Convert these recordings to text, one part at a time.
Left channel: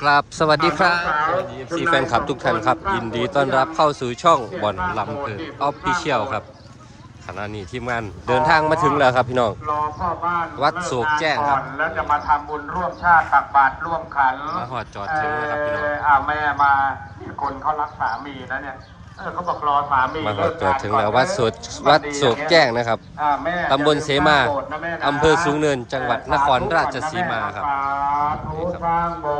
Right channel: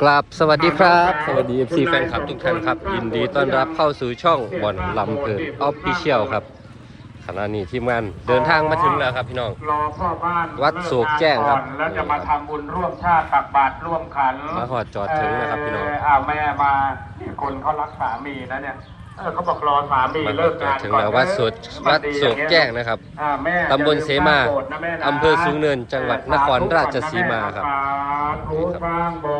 กราบสวัสดีครับสวัสดีทีแฟนคลับทุกท่านครับ ยินดีต้อนรับเข้าสู่ช่องบอลลำเพลินออฟฟิเชียลครับขณะนี้ทีมงานเดินทางมาถึงแล้วครับพี่น้องรอพ่อบ้านวัดโศกแจ้งครับก่อนแล้วจะมาทำบุญร่วมชาติตักบาตรร่วมขันมาหอดจอดถึงนะครับพี่น้องเอ้าวแม่มาเนี่ยคนเขารักสามีนะเนี่ยเออเขาบอกรอสามีมาหอเลิดกจอดงานถึงก่อนแล้ววัดโศกวัดโศกแจ้งนะครับอ่าแม่ตำบลเสมาอย่ลืสร้งโบสถ์นะแม่นะอำเภอสูงเนินจังหวัดนครราชสีมาครับสาธุสร้างโบสถ์ต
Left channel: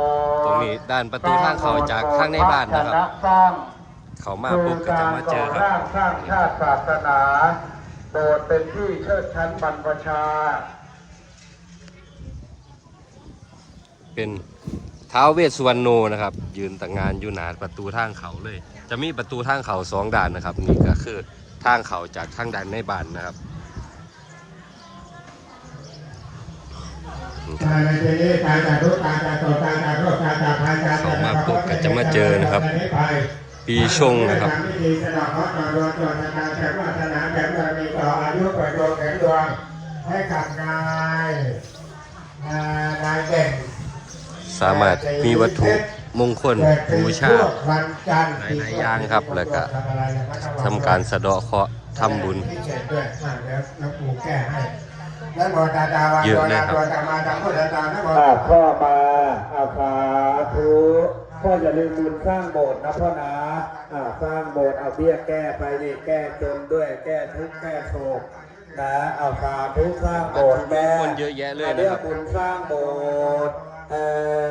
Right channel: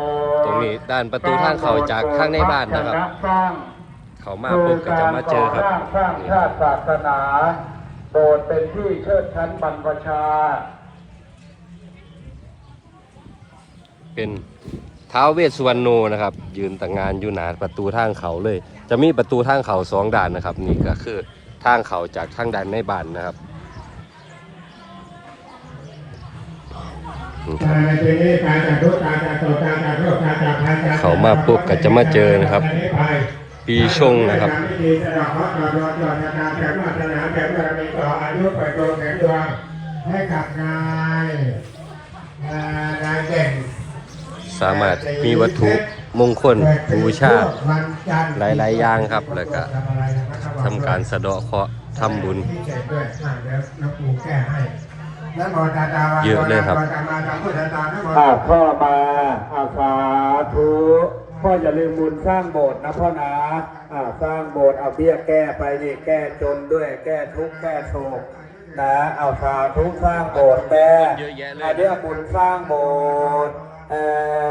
รงนี้ด้านประตูทางเข้าจากข้างในบ้านนะครับ เขามาปุ๊บก็จะมาเจอครับสร้างชาติศาสนา โบสถ์เป็นที่เชิดชั้นบรรพชา เป็นท้าวเวสสุวรรณโนนะครับ ยืนแต่งงานอยู่หนาประตูทางเขาเลย จะมีประตูทางเขาสองด่านนะครับ นี่ก็คือทางเขาจากทางด้านในบ้านนะครับ เขามาปุ๊บก็จะมาเจอนะครับ ปีชงนะครับให้กับนายนายเด่นสามารถมีวัตถุมงคลบูชาหลาย ๆ อย่างครับ แล้วก็ทำการสะเดาะเคราะห์ทำบุญ เศษด้วยอะเดี๋ยวน้องปู่แก้ให้แล้วโมตาดาเยอะเลยครับอาพ่อมาอาสาธุพ่ออย่าลืมบุญสร้างโบสถ์นะพ่อนะอาสร้างโบสถ์เอาเบี้ยแก้ไปนี่แก้จนด้วยแก้ทุกข์แก้โศกนะเอาสาธุสร้างโบสถ์แม่คนเยอะแยะเลยนะครับอาบุญสร้างโบสถ์เอ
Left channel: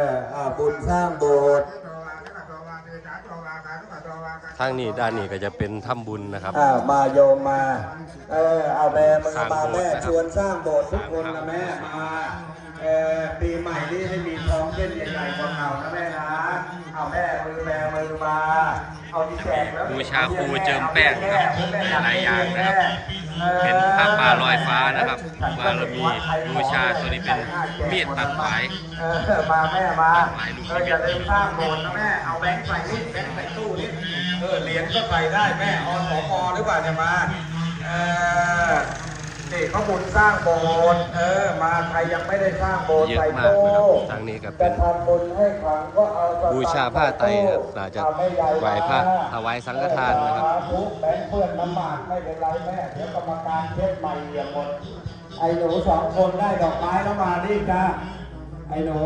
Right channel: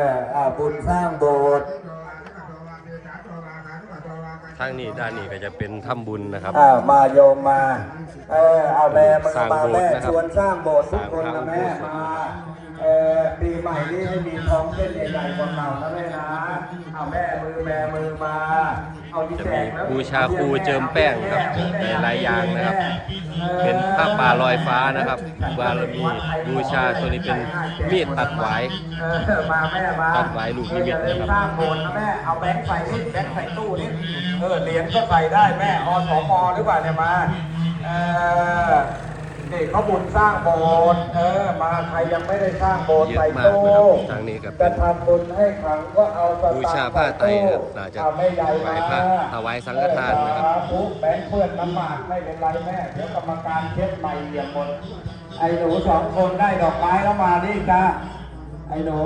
ออาบุญสร้างโบสถ์ ทางนี้ด้านนี้ก็จะเป็นถ้ำบุญนะครับ อ่ามาโยมมา เออเอาแม่มสร้างโบสถ์นะครับชวนสร้างโบสถ์ทุกคนสร้างพระอุนะโบแม่สถมานะครับเออปีใหม่นี้ให้มีท้องเส้นใหญ่ๆกว่าเก่านะแม่นะ เอาแม่มือแม่มือมาเอาที่จะแจมีกแล้วบูชาครูเจิมแป้งครับหลายๆอย่างนะครับ เป็นผ้าป่าลอยฟ้านะครับ บารมีบูชาตัวนี้เป็นมีดตัดหวายเออมาแม่มาตัดไว้ลูกเอออย่าลืมสร้างโบสถ์นะแม่เอาแบงค์ใส่นี่แบงค์ใส่ตู้นี่เออเหรียญก็ใส่ได้แม่อสมหรือเปล่าเนี่ยมา เออเด็กเขาบุญสร้างโบสถ์เออมาใครยังไม่ได้สร้างโบสถ์เยอะมากนะครับทางนี้ก็เป็นจะทำบุญให้เขาก็เอาสตงค์บูชาผ้าไตรนะครับน่าจะเอให้ใญ่ไหว้พระถวายสังฆทานนะครับสธุแบงค์เพื่อนลำบากไม่เป็นไรแม่เดี๋ยวกรรมการเช็ดใหม่อย่างเดียวไอ้หนูสองคนได้ดอกไม้แล้วมานี่จ้าไอ้หนู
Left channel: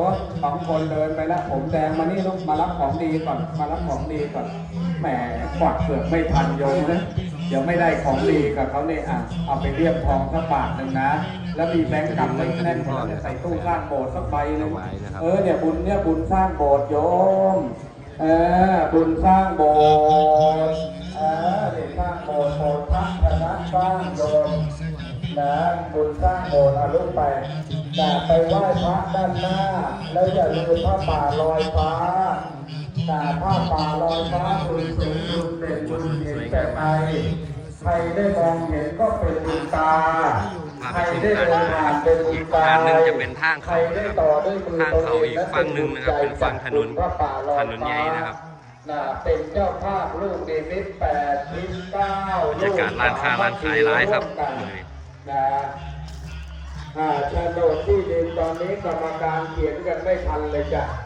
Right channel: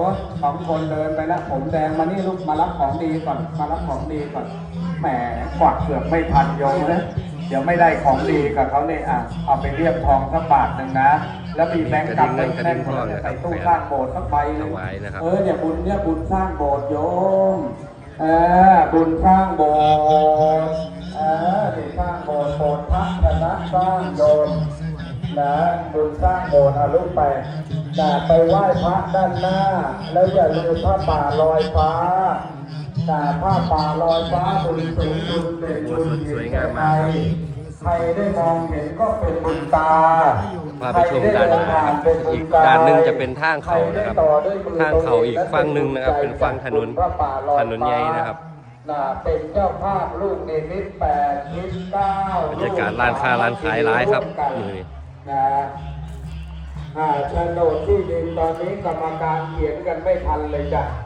สองคนเดินไปแล้วผมแดงมานี่ลูกมารับของดีก่อนมารับของดีก่อนแหมกวักเสือกไม่ทันโยมนะ เดี๋ยวไม่ได้ของดีกับเขาเนี่ยอะเอาไปเรียบทองสักบาทหนึ่งนะ แล้วมีแบงก์กลับไปแน่นคนจะใส่ตู้สร้างโบสถ์สักใบหนึงถวายนะครับเออเนี่ยบุญเนี่ยบุญสร้างโบสถ์โยมเออบุญสร้างโบสถ์เออบุญสร้างโบสถ์โบสถ์พระชนะสร้างโยมนะบุญสร้างโบสถ์อาลุไปอย่าไปไหว้พระด้านหน้า แล้วอย่าลืมผ้าป่าลอยฟ้าแต่ผ้า ป่าลอยฟ้าบุญสูงบุญเด่นบุญเด่นแก่ใครใครได้มองเห็นก็เป็นบุญตาพาไปชมด้านหน้าครับอีกด้านหนึ่งจะเป็นทางเขานะครับ ทางเขาอีกฝั่งหนึ่งนะครับ เป็นฝั่งถนนถนนใหญ่นะครับเป็นเจ้าภาพลูกในมิตรแปดสิบเก้าบรรยากาศร้านค้าร้านขายร้ายครับมือนี้นะอ่าโฉนดที่ดินตอนนี้กรรมการเขียนกันไม่ทันเลยจ้ะอ่า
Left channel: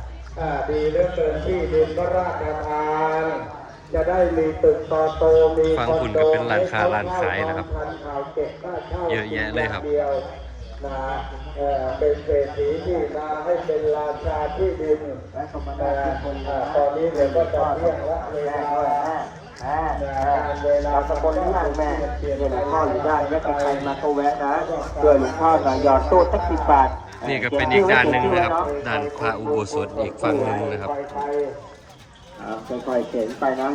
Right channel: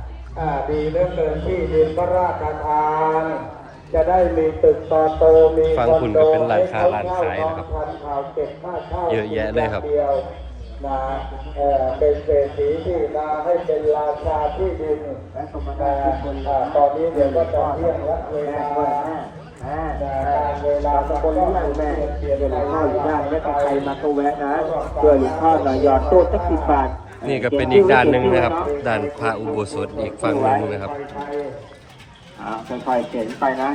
ดีเหลือเกินที่ดินพระราชทาน จะได้มีตึกต่อโตมีฟังคุณก็เป็นร้านค้าร้านขายนะครับ เยอะแยะเลยครับนะเอ่อเป็นเศรษฐีที่มาให้เป็นราชาที่ดินและสมณะที่เป็นตอนนี้เดี๋ยวก็เร่งรัดเวลาการเวลาสกุลลูกแม่เวลาข้าวอยู่ได้ไม่ใครมาก็แวะนะเพื่อมีข้าวมายอดโต๊ะสักสิบบาท นี่ก็เป็นอีกด้านหนึ่งนะครับ ด้านพระอุโบสถอีกฝั่งหนึ่งนะครับอ่าค่อยๆเขียนไปนะ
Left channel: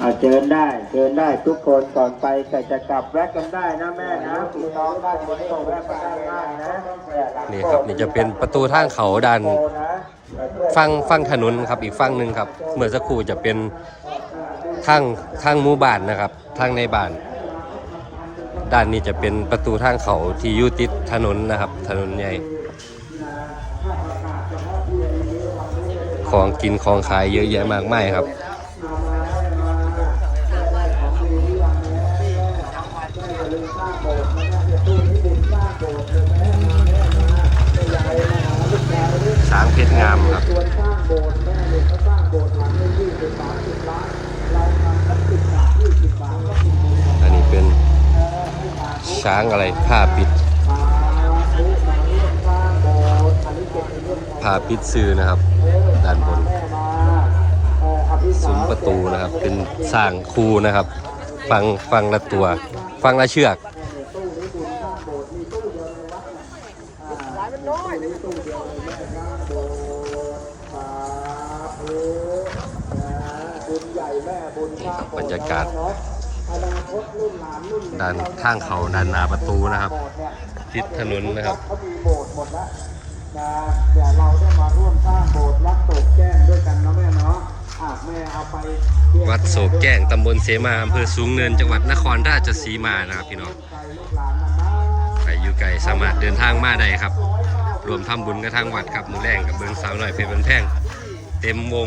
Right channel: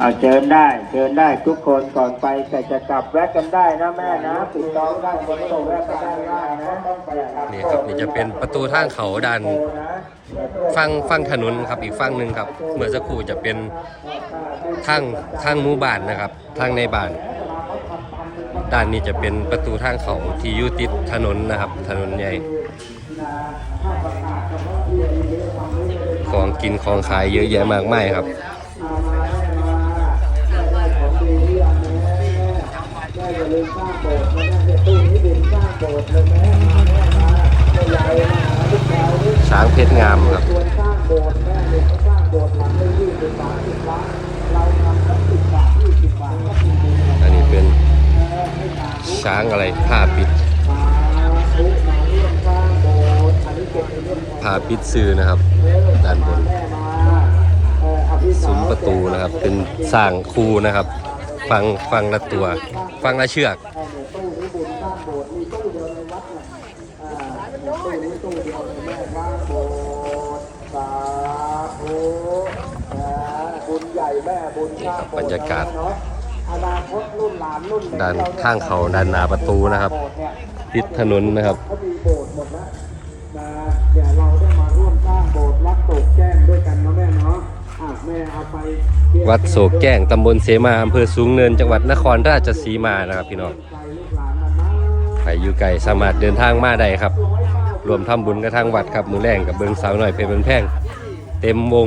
อ่าเชิญได้เชิญได้ทุกคนก่อนไปแต่จะกลับแวะกันได้นะแม่นะถูกต้องได้คนตรงแวะกันได้ได้นะต้องไปอะนี่ครับนี่จะเป็นประตูทางเขาด้านฝั่งฝั่งถนนครับอีกฝั่งหนึ่งครับ เมื่อสักครู่จะเป็นทางทางหมู่บ้านนะครับ ทางในบ้าน ด้านนี้จะเป็นประตูทางเขาที่ยู่ติดถนนนะครับ ถนนใหญ่ ของกินของขายเยอะแยะมากมายครับช้างเพชรงามครับ ช้างอะไรผ้าปิดผ้าปิดซื้อนะครับ ด้านบนซุ้มประตูนะครับ เป็นสร้างคูนะครับ ฟังฟังละตัว ฟังละเชือกนี่ครับบรรยากาศ ด้านข้างเขาด้านหน้าประตูนะครับ ติดถนนนะครับเขามีโบสถ์หมดแล้วนะเดี๋ยวเราได้มาร่วมสร้างโบสถ์วัดโศกแจ้งด้วยกันเนาะแม่เนาะอะแม่เอาไปเทียบวัดโศกแก้งตำบลเสมาอำเภอสูงเนินจังหวัดนครราชสีมานะครับพี่น้องใจลูกหลานนะนะใครอยู่ไกลสามารถเดินทางมาได้ครับ รวมทำบุญกับทางวัดครับมือแรงกับเบิงสาวหน่อยเพชรเป็นแท่งเต็มวง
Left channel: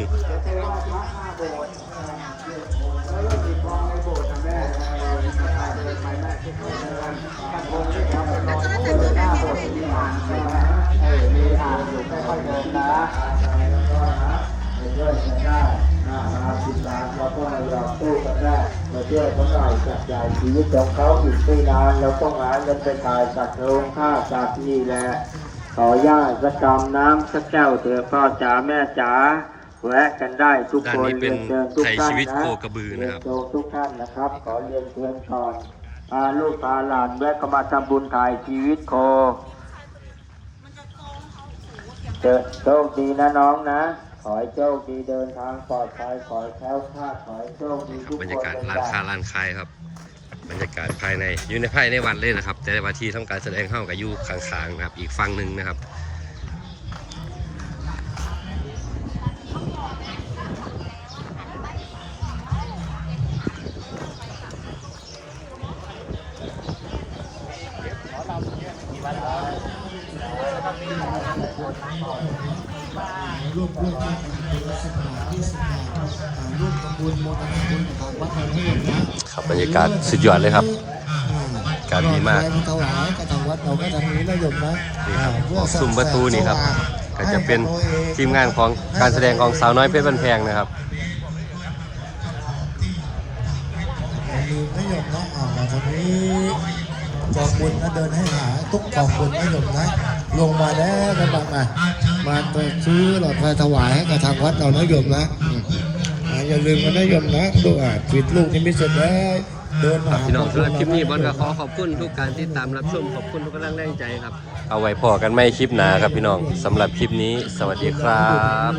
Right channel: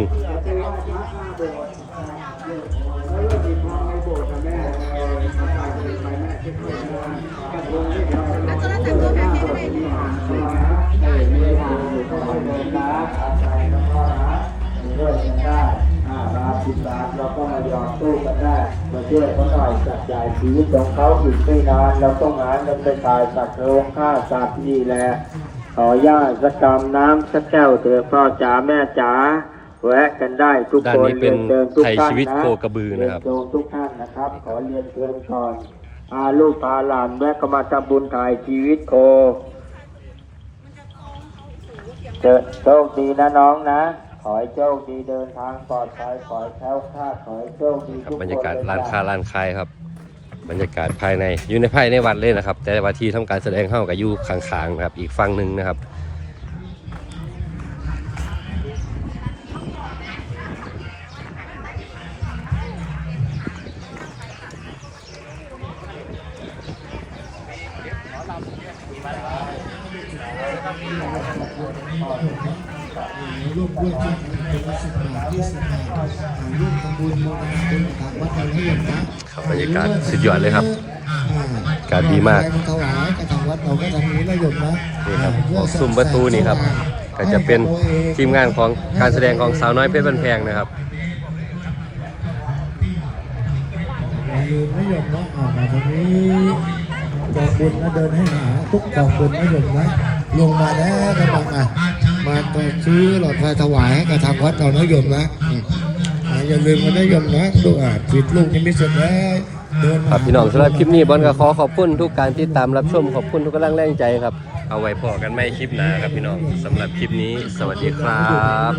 ช่วยเขาหน่อยจับจ่ายชีวิตของเขาอีกไม่นานเราต้องหาเงินไปตายสัตว์โลงฆ่าสัตว์นี่แหละขอย่าสักกำน้ำสักแก้วเถอะพ่อจ๋าแม่จ๋า แวะกันได้ทุกด้านคนนี้เป็นรียชิญทุกไทยท่านชีวิตนะโคกระบือนะครับเยนเชิญทุกท่านนะครับขอเรียนเชิญก่อนอาลูกพาหลานแวะก็มาทำบุญถ่ายชีวิตโคเจอโชคดีนะน้องนะขอให้โชคดีเดินทางปลอดภัยขอให้แคล้วคลาดขอให้โชคดีครับทุกคนบรรยากาศร้านค้าร้านขายครับ บรรยากาศภายในอยู่ในภายในวัดเลยนะครับ แต่ว่าที่ทำการแสดงเข้ากับอยู่ข้างๆนะครับ อีกฝั่งหนึ่งนะครับ ร่วมร่วมกันเป็นสิบบาทยี่สิบบาทร่วมทำบุญมทำบุญทางวัดเราให้เห็นะครับบรรยากาศสุดยอดเลยครับอากาศดีมากนี่ครับออกซุ้มประตูนี่ครับ ก็จะเป็นทีมงานของการแสดงของสาวน้อยเพชรบันแพงนะครับอย่าลืมนมนะอ่ามาตรงนี้กองบุญนะเดินให้หาทุกกองบุญนะโยมนะ ลงมาแล้วนะบังอะมาซื้อหลอดไฟถวายให้กับทางวัดเรานะโยมนะอ่าอย่าลืมนะโยมนะลูกอะปิดลูกนี่ไม่เสร็จแล้วเดินครับพี่น้องสำหรับคลิปนี้บอลก็ขอขอบคุณทุกการติดตามรับชมขอบคุณทุกกำลังแรงใจครับ เอาไว้พอกันไม่คลิปหนาครับพี่น้องสำหรับคลิปนี้ สวัสดีครับ